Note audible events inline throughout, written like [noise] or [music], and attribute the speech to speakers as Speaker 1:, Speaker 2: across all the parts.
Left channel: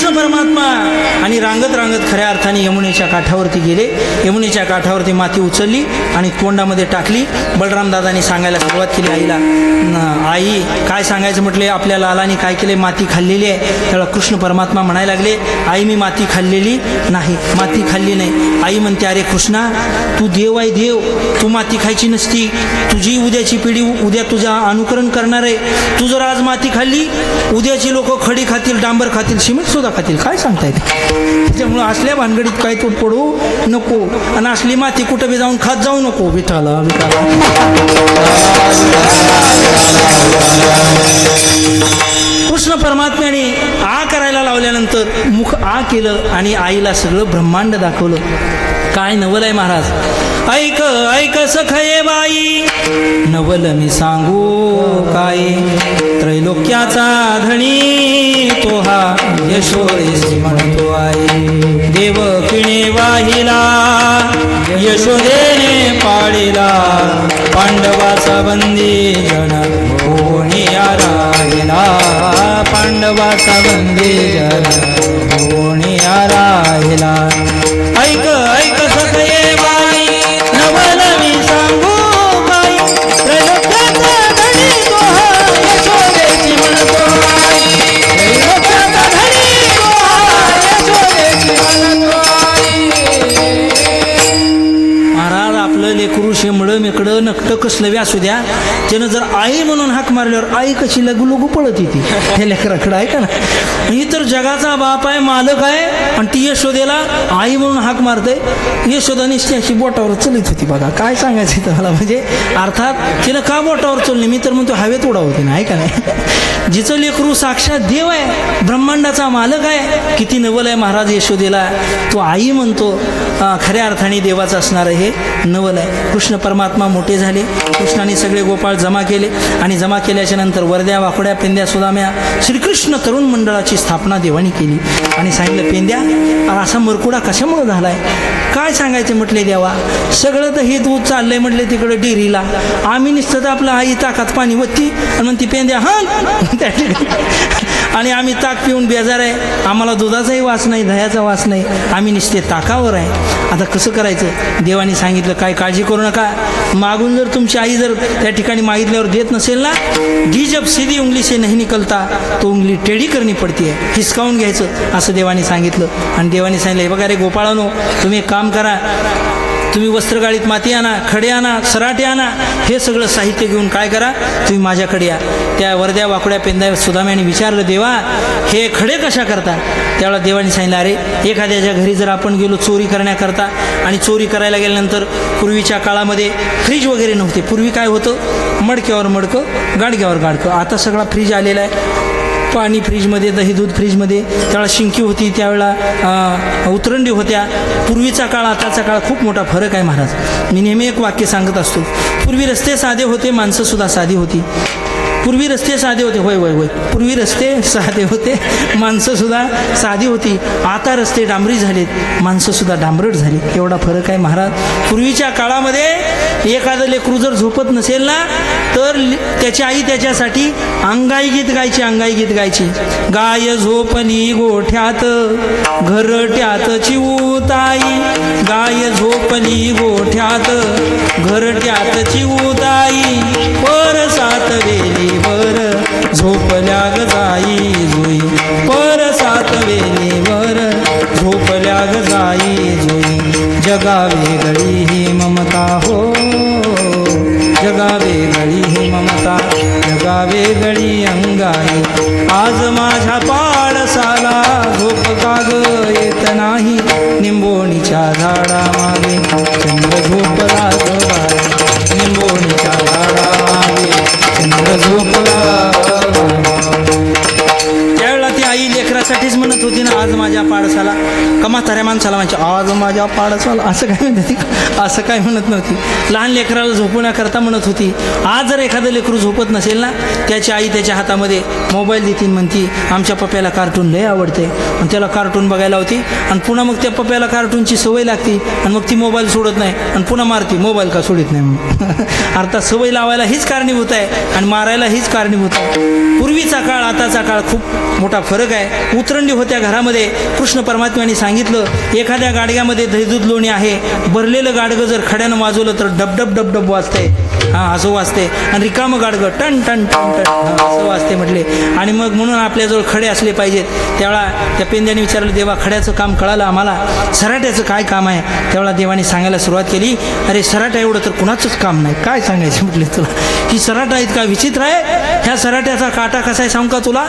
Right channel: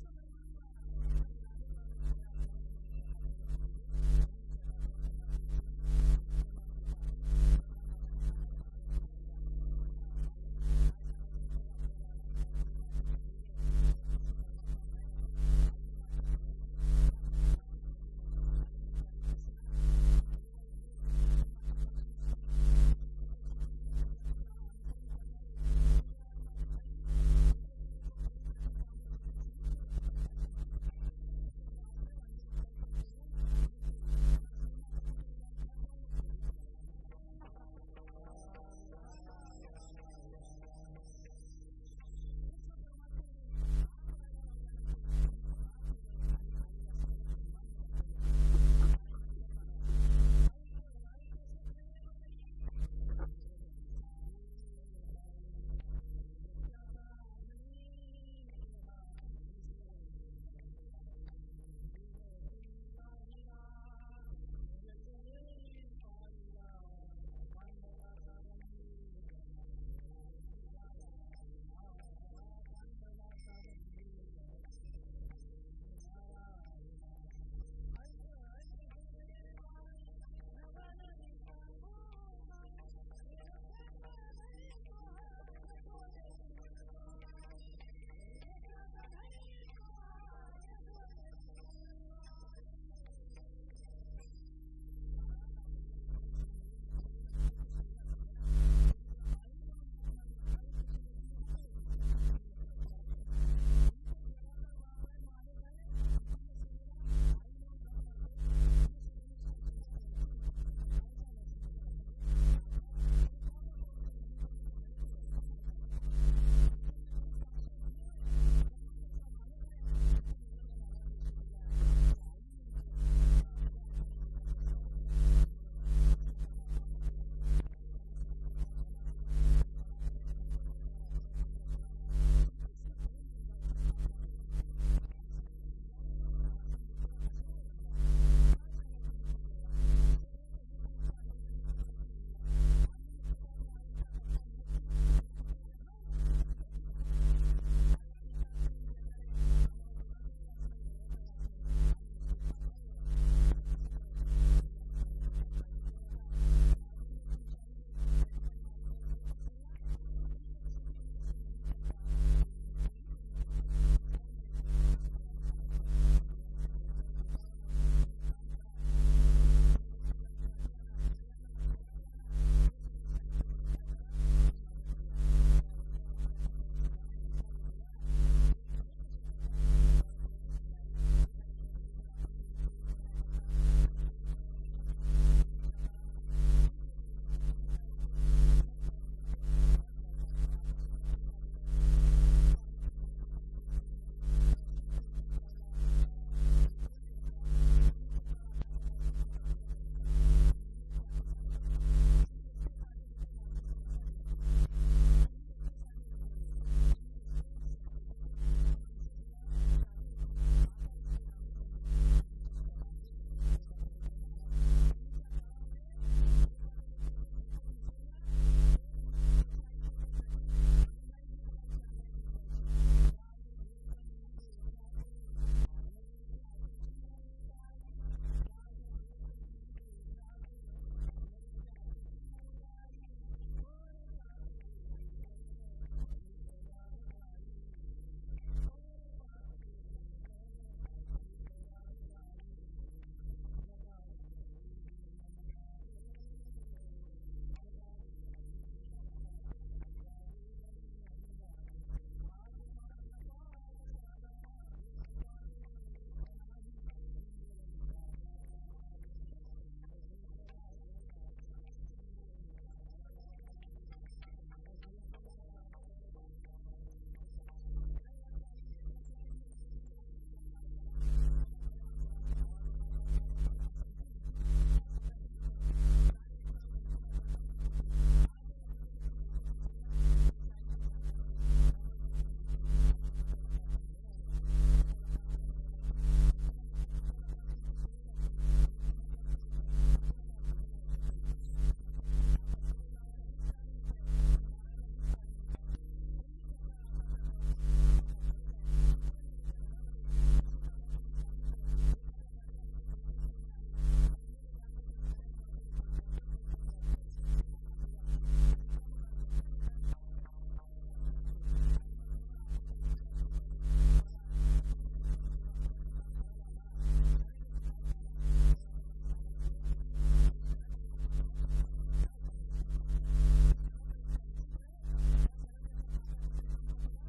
Speaker 1: कृष्ण परमात्मा आणि रांगत रांगत खऱ्या अर्थाने यमुनेच्या काठावरती गेले. यमुनेच्या काठावरती माती उचलली आणि तोंडामध्ये टाकली. बलरामदादांनी सांगायला सुरुवात केली आईला आई काय सांगायचं? म्हटले आपल्या लालाने काय केले? माती खाल्लेली आहे. त्याला कृष्ण परमात्मा म्हणायला लागले आई मी माती खाल्लेली नाही माती खाल्ली नाही. आई म्हणते अरे कृष्णा तू देव आहे देव तू माती खायची नसती. तुझी उद्याची पिढी उद्या तुझा अनुकरण करणार आहे. तू जर आज माती खाल्ली उद्याची लोक खडी खातील डांबर खातील सिमेंट सुद्धा खातील काय सांगता येते त्याच्यामुळं असल्या भानगडीत काय तू पडू नको आणि असली माती कुठं बी जाऊन खात जाऊ नको विठाला विठाला कृष्ण परमात्म्याने आ करायला लावल्यानंतर मुख आ केलं आणि आईला सगळं ब्रह्मांड दाखवलं काय नवल आहे महाराज ऐक ऐक सखये बाई नवल मी सांगू काय त्रैलोक्याचा धणी हा म्हणतो आई देव किणे वाहिला यशोदेने पाळिला पांडवाचा बंदी जण कोणी राहिला पांडवाचा बंदी जण कोणी राहिला नकटं असू द्या. त्यानं जर आई म्हणून हाक मारल्यावर आई कशी लगू लगू पळत येते? हे लेकराकडं ऐका ना. ही तर जगाचा बाप आहे मालक आहे आणि ती यशोदेला आई म्हणून हाक मारते. यशोदा निश्चय अशी बोटावर चलित होती बघा. काय सांगायचं इथं मला? म्हणजे अर्थात तिनं का बोटावर चलली मी तर म्हणतो हवेत उडावते ना आहे का नाही? जिचं लेकरू साक्षात देव आहे ब्रह्मांडाचा मालक आहे किती नवल आहे महाराज यशोदेला. तो आई म्हणतो खऱ्या अर्थाने देवाचं असणारं हे नवल आहे. कृष्ण परमात्मा मोठे झाले. कृष्णाने सगळे गोपाळ जमा केले. आणि जमा केल्याच्यानंतर वरद्या वाकड्या पिंद्या सुदाम्या श्रीकृष्ण तरुण मंडळाची स्थापना देवानी केली. आणि सांगितलं पेंद्या असा मरकुडा कशामुळे झालाय? काय सांगायचं? म्हटले देवा सगळं तर हे दूध चाललंय म्हटले तिकडे डेअरीला. आम्ही निसतं तर आपलं आई ताकात पाणी वत्ती. आणि म्हणती पेंद्या हां. [laughs] त्या ठिकाणी आणि आम्ही ताक पिऊन बेजार आहे. आम्हाला दुधाचाही वास नाही दह्याचा वास नाही. आम्ही निश्चित ताकावर आहे. आता कसं करायचं? देवाने सांगितलं काय काळजी करू नका. मागून जर तुमची आई जर त्या ठिकाणी मागितल्यावर देत नसेल ना जी जब सीधी उंगली से नाही निकलता. तो उंगली टेढी करणी पडती आहे हिसकावून घ्यायचं. असं देवाने सांगितलं. आणि देवाने सांगितलं हे बघा रे गोपाळानो तुम्ही एक काम करा. तुम्ही वस्त्रगाळीत माती आणा खडे आणा सराटे आणा हे सगळं साहित्य घेऊन काय करा? तुम्ही माझ्याकडे या. त्या वर्द्या वाकड्या पेंद्या सुदाम्याने विचारलं देवा हे खडे कशा करता? त्यावेळेला देवाने सांगितलं अरे एखाद्याच्या घरी जर आपण गेलो चोरी करण्याकरता आणि चोरी करायला गेल्यानंतर पूर्वीच्या काळामध्ये फ्रीज वगैरे नव्हते. पूर्वी काय होतं? मडक्यावर मडकं गाडग्यावर गाडकं. आता सगळा फ्रीज आलेला आहे. पाणी फ्रीजमध्ये दही दूध फ्रीजमध्ये त्यावेळेला शिंकी होती त्यावेळेला उतरंडी होत्या. पूर्वीचा काळ आताचा काळ खूप मोठा फरक आहे महाराज. मी नेहमी एक वाक्य सांगत असतो. पूर्वी रस्ते साधे होते माणसंसुद्धा साधी होती. पूर्वी रस्ते साधे होते. होय होय होय. पूर्वी रस्ते साधे होते. माणसंसुद्धा साधी होती. आता रस्ते डांबरी झालेत. माणसंसुद्धा डांबरट झाली एवढा फरक आहे महाराज. पूर्वीच्या काळामध्ये एखादं लेकरू जर झोपत नसेल ना तर त्याची आई त्याच्यासाठी अंगाई गीत गायची अंगाई गीत गायची. गाय झोपली गोठ्यात घरट्यात चिवताई गाय झोपली गोठ्यात घरट्यात चिवताई झोपल्या ग जाई जुई आज माझ्या पाडसाला असं काय म्हणत होती असं काय म्हणत नव्हती. लहान लेकराला झोपण्याकरता म्हणत होती. आज जर एखादं लेकरू झोपत नसेल ना त्याची आई त्याच्या हातामध्ये मोबाईल देतीन म्हणती आमच्या पप्प्याला कार्टून लय आवडते आणि त्याला कार्टून बघायला होती आणि पुन्हा मग त्या पप्प्याला कार्टूनची सवय लागती. आणि मग ती मोबाईल सोडत नाही. आणि पुन्हा मारती मोबाईल का सोडित नाही म्हणून. [laughs] अर्थात सवय लावायला हीच कारणीभूत आहे आणि मारायला हीच कारणीभूत आहे. पूर्वीचा काळ आताचा काळ खूप मोठा फरक आहे. उतरंडी होत्या घरामध्ये कृष्ण परमात्म्याने सांगितलं एखाद्या गाडग्यामध्ये दहीदूध लोणी आहे. भरलेलं गाडगं जर खड्यानं वाजवलं तर डबडब डबडब वाजते हा असं वाजते आणि रिकामं गाडगं टन टन टन टन. असं वाजते म्हटले. आणि मग म्हणून आपल्याजवळ खडे असले पाहिजेत. त्यावेळा त्या पेंद्याने विचारलं देवा खड्याचं काम कळालं आम्हाला? सराट्याचं काय काम आहे? त्यावेळा देवाने सांगायला सुरुवात केली अरे सराटा एवढं तर कुणाचंच काम नाही. काय सांगायचं? म्हटले तुला. ही सराटा इतका विचित्र आहे. ह्या सराट्याचा काटा कसा आहे सांगू का तुला?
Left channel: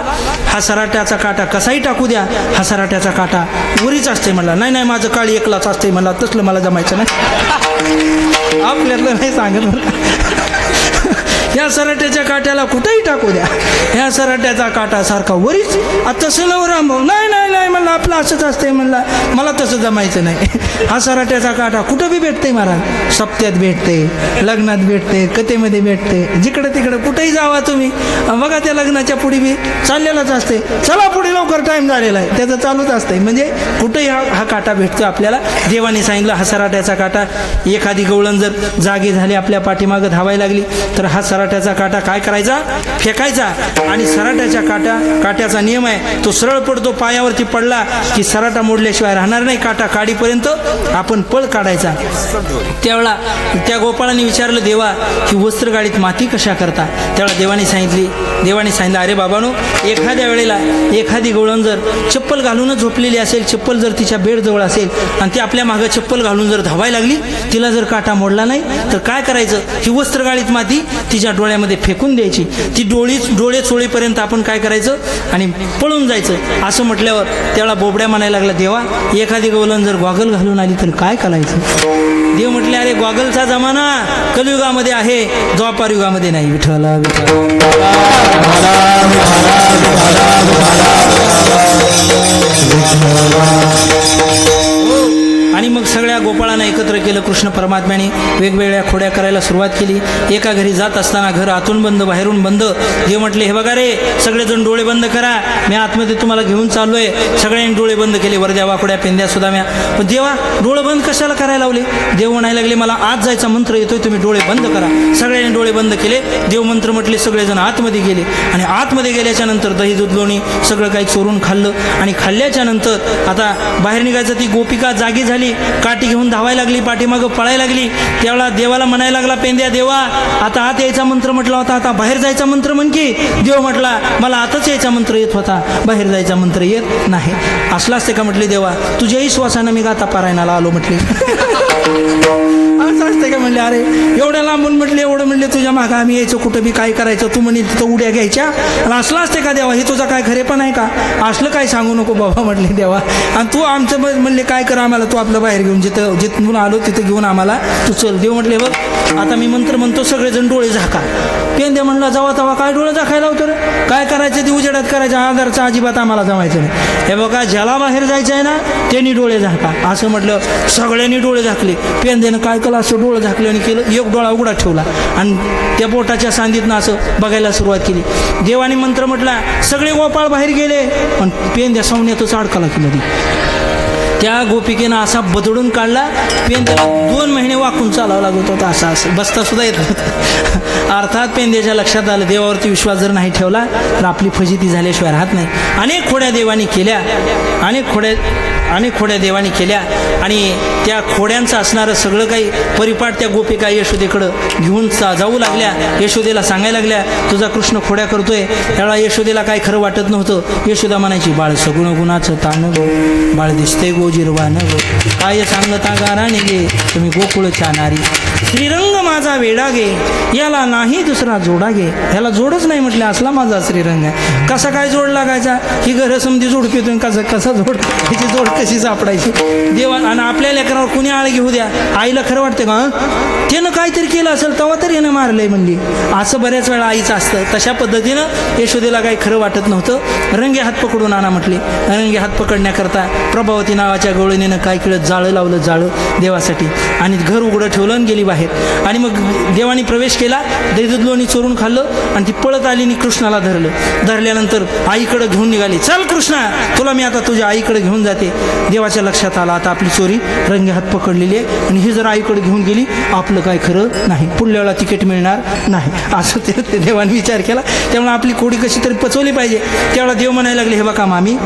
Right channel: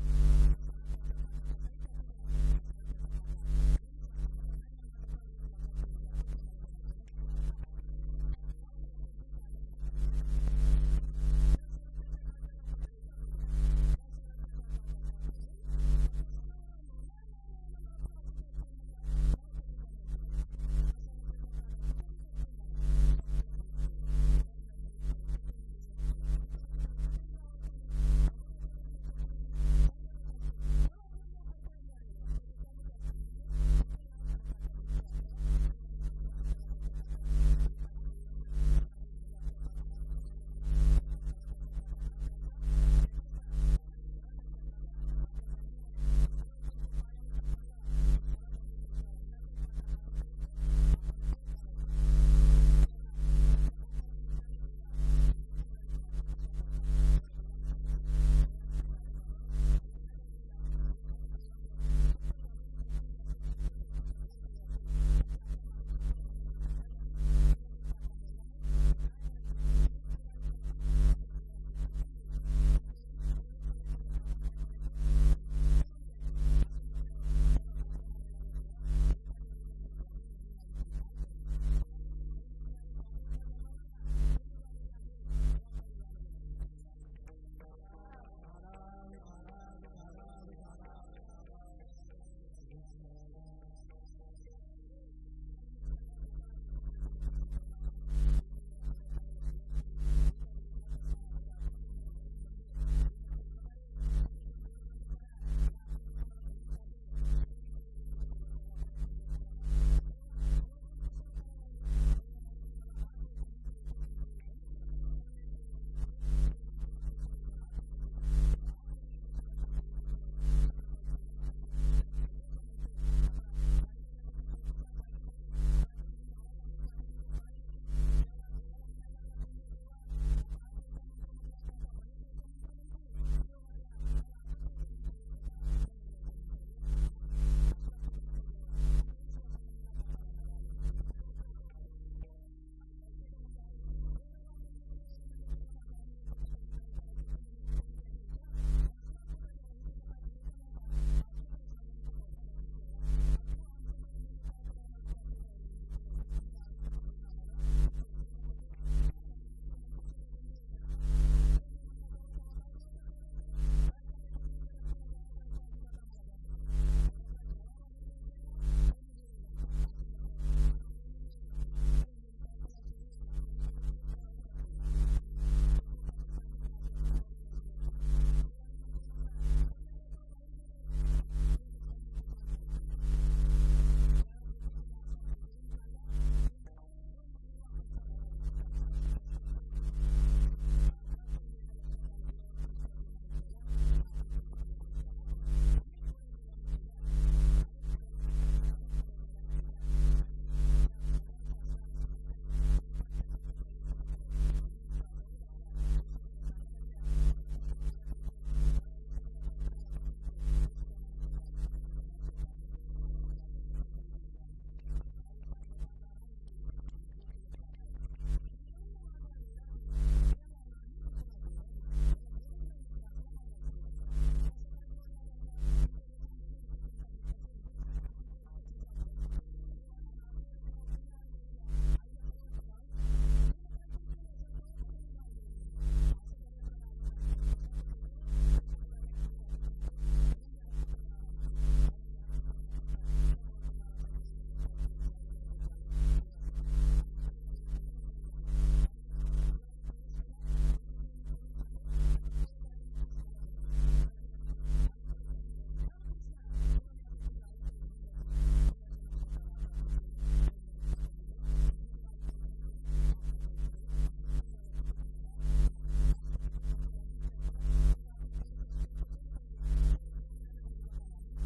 Speaker 1: हा सराट्याचा काटा कसाही टाकू द्या. हा सराट्याचा काटा वरीच असते म्हटलं नाही नाही माझं काळी एकलाच असते मला तसलं मला जमायचं नाही. आपल्यातलं नाही सांगत बरं या सराट्याच्या काट्याला कुठेही टाकू द्या. ह्या सराट्याचा काटा सारखा वरीच आता तसं नाही रामभाऊ नाही नाही नाही म्हणलं आपलं असंच असतंय म्हणला. मला तसं जमायचं नाही. हा सराट्याचा काटा कुठं बी भेटते महाराज. सप्त्यात भेटते लग्नात भेटते कथेमध्ये भेटते जिकडं तिकडं कुठेही जावा तुम्ही. बघा त्या लग्नाच्या पुढे बी चाललेलाच असते चला पुढे लवकर टाईम झालेला आहे. त्याचं चालूच असतंय. म्हणजे कुठेही हा हा काटा भेटतो आपल्याला. देवाने सांगितलं हा सराट्याचा काटा एखादी गवळण जर जागी झाली आपल्या पाठीमागं धावायला लागली तर हा सराट्याचा काटा काय करायचा? फेकायचा. आणि सराट्याच्या काटा काट्याचा नियम आहे तो सरळ पडतो पायावरती पडला की सराटा मोडल्याशिवाय राहणार नाही काटा काढीपर्यंत आपण पळ काढायचा. त्यावेळा त्या गोपाळाने विचारलं देवा की वस्त्रगाडीत माती कशा करता? त्यावेळा देवाने सांगितली देवाने सांगितलं अरे बाबानो एखाद्या वेळेला एखादी गोळण जर चप्पल घालूनच झोपलेली असेल चप्पल जर तिच्या बेडजवळ असेल आणि ती आपल्या मागं चप्पल घालून जर धावायला लागली तिला जर काटा मोडला नाही तर काय करायचं? ही वस्त्रगाळीत माती तिच्या डोळ्यामध्ये फेकून द्यायची. ती डोळी डोळे चोळीपर्यंत आपण काय करायचं? आणि पळून जायचं. असं म्हटल्यावर त्याला बोबड्या म्हणायला लागला देवा एखादी गवलन जर गॉगल घालून आली तर काय करायचं? देव म्हटले अरे गॉगलचा जमाना कलियुगामध्ये आहे द्वापार युगामध्ये नाही. विठ्ठला विठ्ठला. कृष्ण परमात्म्याने वेगवेगळ्या खोड्या करायला सुरुवात केली. एका घरी जात असताना घर आतून बंद बाहेरून बंद. देव म्हटले हे बघा रे सगळेजण डोळे बंद करा. मी आतमध्ये तुम्हाला घेऊन चाललोय. सगळ्यांनी डोळे बंद केले. वरद्या वाकड्या पेंद्या सुद्धा म्या. पण देवा डोळे बंद कशाला करायला लावले? देव म्हणायला लागले मला आत जायचा मंत्र येतोय तुम्ही डोळे बंद करा. सगळ्यांनी डोळे बंद केले. देव मंत्र म्हटले सगळेजण आतमध्ये गेले. आणि आतमध्ये गेल्याच्यानंतर दही दूध लोणी सगळं काही चोरून खाल्लं. आणि खाल्ल्याच्या नंतर आता बाहेर निघायचं ती गोपिका जागी झाली. काठी घेऊन धावायला लागली पाठीमागं पळायला लागली. त्यावेळा देवाला म्हणायला लागला पेंद्या देवा आता आत यायचा मंत्र म्हटला होता आता बाहेर जायचा मंत्र म्हण की. देव म्हटला मला आताच यायचा मंत्र येत होता बाहेर जायचा मंत्र येत नाही. असला असते का म्हटले देवा तुझ्याही श्वासानं मी गाता पारायणाला आलो म्हटले. [laughs] असते का म्हणले अरे एवढ्या लांबून म्हटले एवढं म्हणले तुझ्या मागं आम्ही यायचं कुठं बी काय करायचं तू म्हणे तिथं उड्या घ्यायच्या. आणि असलं असते का देवा हे तुझा काय खरे पण आहे का? असलं काय सांगू नको बाबा म्हटले देवा. आणि तू आमचं म्हणले काय कर आम्हाला तू आपलं बाहेर घेऊन जिथं जिथून आलो तिथं घेऊन आम्हाला तू चल देव म्हटले बघ आता मी मंत्र म्हणतो सगळेजण डोळे झाका. पेंद्या म्हणला जावा तवा काय डोळे झाकायला होतं रे? काय करायचं ते उजेडात करायचं? आधारचा अजिबात आम्हाला जमायचं नाही. हे बघा ज्याला बाहेर जायचं आहे ना त्यांनी डोळे झाका. असं म्हटलं सगळ्यांनी डोळे झाकले. पेंद्यानं काय केलं? असं डोळं झाकलं आणि केलं एक डोळा उघडा ठेवला आणि त्या बोटाच्या सांदीतनं असं बघायला सुरुवात केली. देवाने मंत्र म्हटला सगळे गोपाळ बाहेर गेले. पण पेंद्या सवण्यातच अडकला की नदी त्या गोपिकेनं असा बदडून काढला पेन त्याला दोन महिने वाकून चालावं लागत होता असा असं बसता सुद्धा येत होता अर्थात पेंद्याच्या लक्षात आलं देवावरती विश्वास जर नाही ठेवला तर आपली फजिती झाल्याशिवाय राहत नाही. अनेक खोड्या देवानी केल्या अनेक खोड्या अनेक खोड्या देवानी केल्या आणि त्या खोड्यांचं असणारं सगळं काही परिपाठ त्या गोपिका यशोदेकडं घेऊन चा- जाऊ लागल्या यशोदेला सांगायला लागल्या तुझा कृष्ण खोड्या करतोय. त्यावेळा यशोदेला काय खरं वाटत नव्हतं. यशोदा म्हणायची बाळ सगुण गुणाचं ताण गो बाळ दिसते गो जिरवा न गो. काय सांगता गाराने गे तुम्ही गोकुळच्या नारी श्रीरंग माझा वेडा गे. याला नाही दुसरा जोडा गे. ह्याला जोडच नाही म्हटलं असला माझा श्रीरंग. आहे कसा काय जोड लागायचा? ही घर समधी जोडपीतून कसं कसा जोड हिची जोड कशी सापडायची? देवा आणि आपल्या लेकरावर कुणी आळ घेऊ द्या? आईला खरं वाटतं का त्यानं काहीतरी केलं असेल तेव्हा तर यानं मारलंय म्हणली. असं बऱ्याच वेळा आईचं असतं. तशा पद्धतीनं यशोदेला काही खरं वाटत नव्हतं. रंगे हात पकडून आणा म्हटले. रंगे हात पकडण्याकरता प्रभावती नावाच्या गवळणीनं काय केलं? जाळं लावलं जाळं देवासाठी. आणि घर उघडं ठेवलं आणि गेली बाहेर. बाहेर आणि मग देवाने प्रवेश केला दैदूत लोणी चोरून खाल्लं आणि ती पळत आली आणि कृष्णाला धरलं. धरल्यानंतर आईकडं घेऊन निघाली. चल कृष्णा तुला मी आता तुझ्या आईकडे घेऊन जाते. देवाच्या लक्षात आला आता आपली चोरी रंगे हात पकडलेली आहे आणि ही जर आईकडे घेऊन गेली आपलं काय खरं नाही. पुढल्या वेळा तिकीट मिळणार नाही. असं ते देवाने विचार केला. त्यामुळे आपली कोडी कशी तरी पचवली पाहिजे. त्यावेळेला देव म्हणायला लागले हे बघा मामी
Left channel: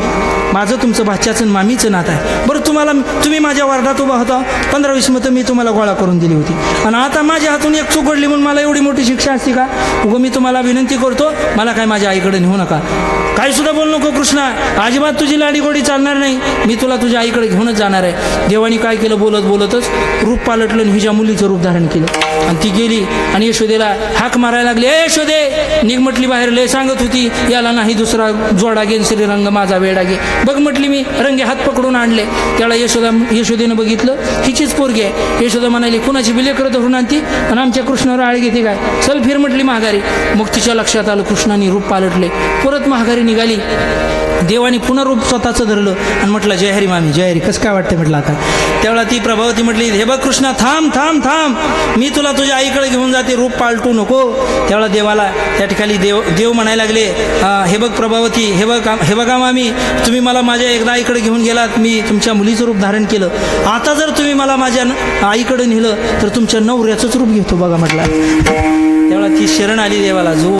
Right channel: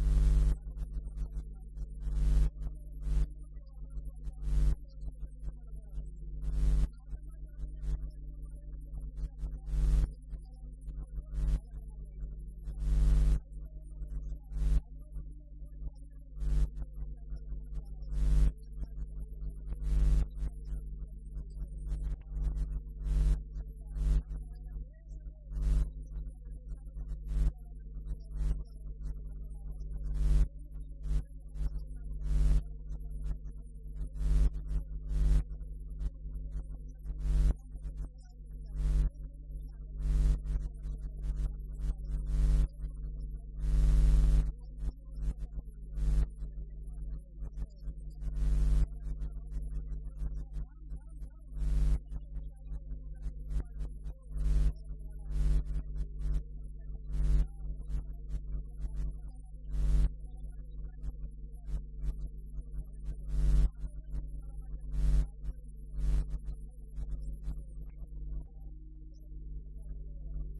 Speaker 1: माझं तुमचं भाच्याचं मामीचं नातं आहे. बरं तुम्हाला तुम्ही माझ्या वार्डात उभा होता. पंधरा वीस मतं मी तुम्हाला गोळा करून दिली होती. आणि आता माझ्या हातून एक चूक घडली म्हणून मला एवढी मोठी शिक्षा असते का? उगं मी तुम्हाला विनंती करतो मला काय माझ्या आईकडे नेऊ नका. काही सुद्धा बोलू नको कृष्णा. अजिबात तुझी लाडी गोडी चालणार नाही. मी तुला तुझ्या आईकडे घेऊनच जाणार आहे. देवानी काय केलं? बोलत बोलतच रूप पालटलं आणि हिच्या मुलीचं रूप धारण केलं. आणि ती गेली आणि यशोदेला हाक मारायला लागली. ए यशोदे निघ म्हटली बाहेर. लय सांगत होती याला नाही दुसरा जोडा घेन श्रीरंग माझा वेडा घे. बघ म्हटली मी रंगे हात पकडून आणले. त्याला यशोदा यशोदेनं बघितलं. हिचीच पोरगी आहे. यशोदा म्हणाली कुणाची बिलेकर धरून आणती? आणि आमच्या कृष्णावर आळ घेते काय? चल फिर म्हटली महागारी मग तिच्या लक्षात आलं कृष्णाने रूप पालटले. परत महागारी निघाली. देवानी पुनरूप रूप स्वतःचं धरलं आणि म्हटलं जय हरी मामी जय हरी. कसं काय वाटतं म्हटलं आता? त्यावेळा ती प्रभावती म्हटली हे बघ कृष्णा थांब थांब थांब. मी तुला तुझ्या आईकडे घेऊन जाते रूप पालटू नको. त्यावेळा देवाला त्या ठिकाणी देव देव म्हणायला लागले हे बघ प्रभावती हे बघ हे बघा मामी तुम्ही मला माझ्या एकदा आईकडे घेऊन गेलात मी तुमच्या मुलीचं रूप धारण केलं. आता जर तुम्ही मला माझ्या आईकडे नेलं तर तुमच्या नवऱ्याचंच रूप घेतो बघा म्हटलं. त्यावेळा ती शरण आली देवाला जो